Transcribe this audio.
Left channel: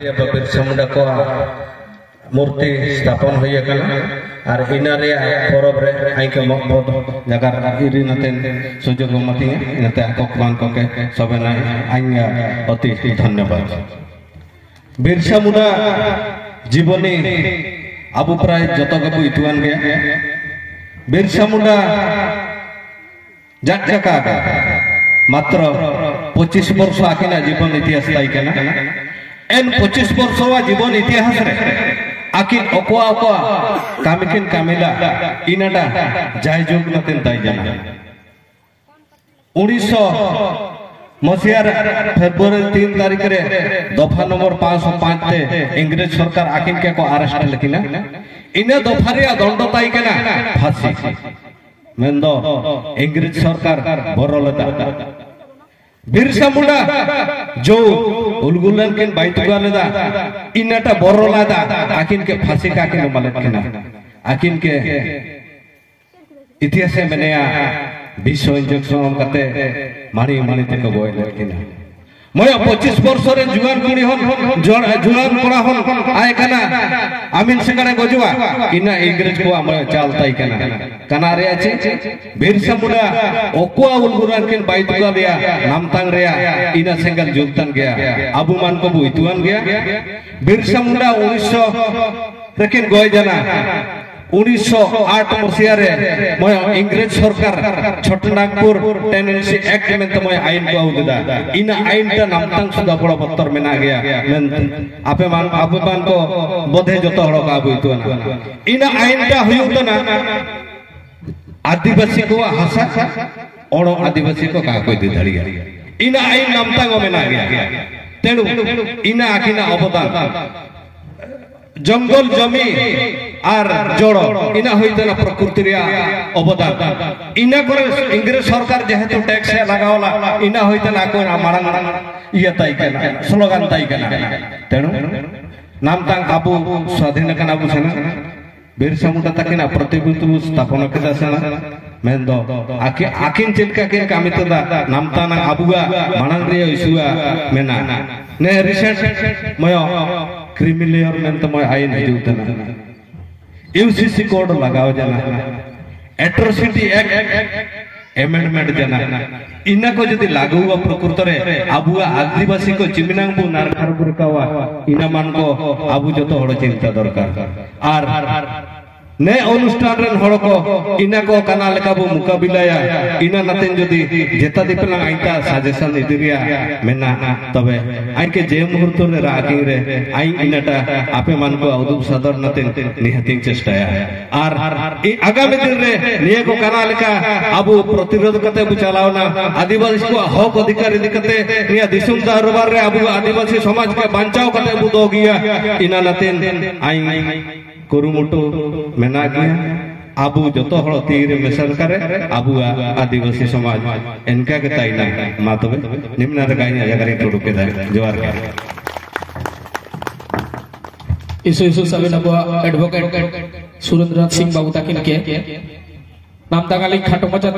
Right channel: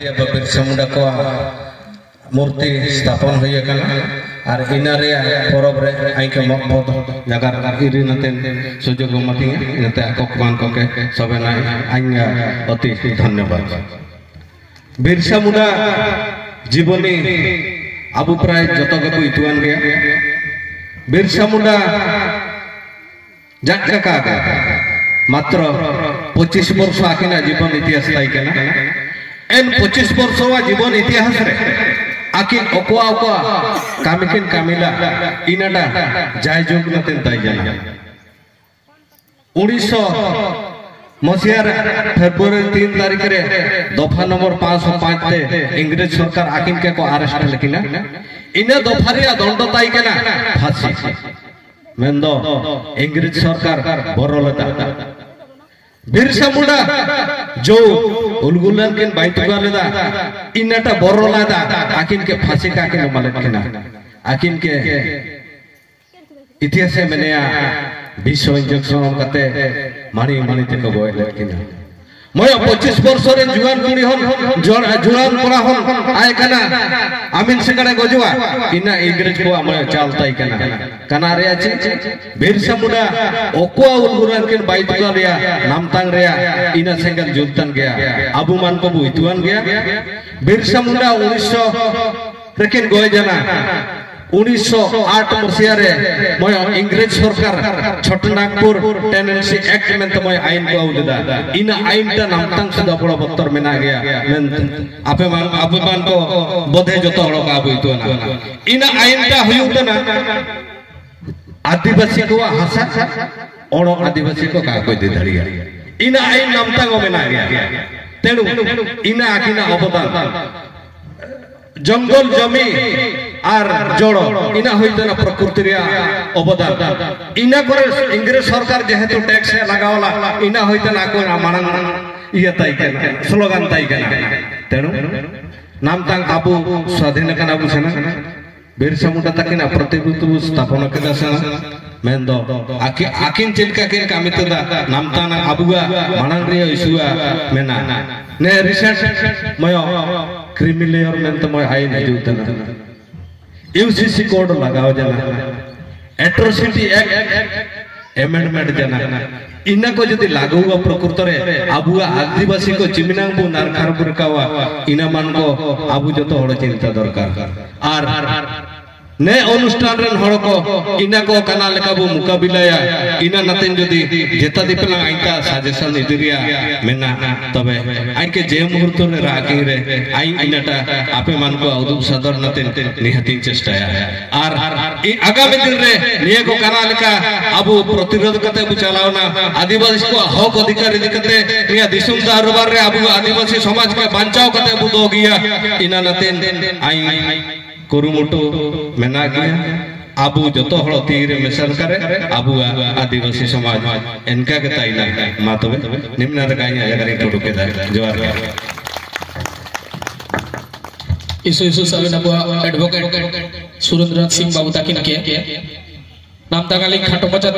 बिरसा मुंडा को मूर्ति स्थापन हुई और इन परब आईके मकबद जगह इरी नते सुजोग मती नते आकमान को सबे आईया अति धन्यवाद। बिरसा मुंडा जीवनी आबू प्राय जत गबू इतुआन गया। बिरसा मुंडा जाका मात्र 25 वर्ष आकिना जीवन इतिहास ताइकेना एन 25 वर्ष जीवन इतिहास रे आकिन ओकोआ ओकोआ कामिकिन कामिला इनाडा जाय जोग नतेन ताइ जाना 1900 मसियार फेब्रुआरी 3 तारीख रे दफा नंबर 505 ते इंग्रेज सरकार आकिन के को अरेस्ट लेकिना इने दफा रे दंड ताइ केना फांसी मेंदो इंग्रेज सरकार बरलदा। बिरसा मुंडा जो उलगुलन के बाइतुगा लेदा इनाटा बरलादा आकिन के फांसी का आकिन मलत केना आकिन के इतिहास में मेनेया विश्व इंजेक्शन कते मारी मारी ते को बोय लेकिन मय 25 वर्ष रे जुआन कुड़ी हन जुआन कोड़ा हन आय कना आमिन सेकड़े गजुआ इना इंग्रेज को मय चालताई कना रे अछि बिरसा मुंडा ओकोआ उलगुरान के बाइतुगा लिया नामतांग रे इना सेंगल जुलतन गया अबू मान को बुइतुआन गया। बिरसा मुंडा 1900 लेकिन गोय जना 1908 मसिया रे मय इंग्रेज सरकार छोटनागपुर टेनेंसी एक्ट में तो मय आईन को उलदा इन आईन ता नामतांग सदा बड़ पत्तर मेना गया मेन आपे मान को बोधे जतो हड़ का बुइतुआन इन आईन ता हुयुतना आदिवासी को हासा और आदिवासी को का कोई दे धड़िया इन आईन नामतांग मेना गया तेनु इन आकिना अवदान जंगल जमी आर जोड़ो इना होइतना प्रकृति रे अवदान इना करे इंग्रेज सरकार जेहेतु टैक्स लगावला इना होइतना को मारन इया ताई केना स्लोगान ताई केना तेनु नामतांग आबू स्वाधीन कना आबू सेना बिरसा मुंडा तकिना प्रतिभूति स्थापन केदा सेना मेंदो आकिन चेलका के कामितदा नामताना आबुआ मानंग रे इशुआ मेना ने रिसर्च मयो क्रिमिनल में तो मय आईन दिउतना यूसीसी कोड लगाओ जना एट्रोसिटी एक्ट अमेंडमेंट जना इना को यदि लागू हुआ प्रकृत रे आबुआ आदिवासी को चिमिनांगबु नारखारबुर कावा इना मान को आबु जतो हड़ चिंता दरकार आर ने अनुष्ठान रन हड़ को इना को काना लेका बु मुकाबिलाया इना नतेन जदि जेता दिपला आइता सजेशन इदिरिया मेना तबे आई के जे मुहूर्त रे रागी रे आई इनाटा आपे मान को उदुब सदर नतेन निहतिन चेष्टाया आर आगामी दिन रे निये को काना लेका आबु प्रतिरोध कते बु चलावना आदिवासी को हक अधिकार दिकते निया दिसुम दरबार रे आबु आदिवासी समाज के बचाव कते बु दो गिया इना नतेन आई कुरुमुटु मेना गया आबू जतो हड़ तीर मेसन करे आबू आदिवासी समाज इनका के ताइना मातबे निम्न रे गायना जगरे टोडु के जोहार इस साले नबो एडवोकेट सुरेंद्र सिंह बाबू ताकिन के नाम तागाली खाटो मचाते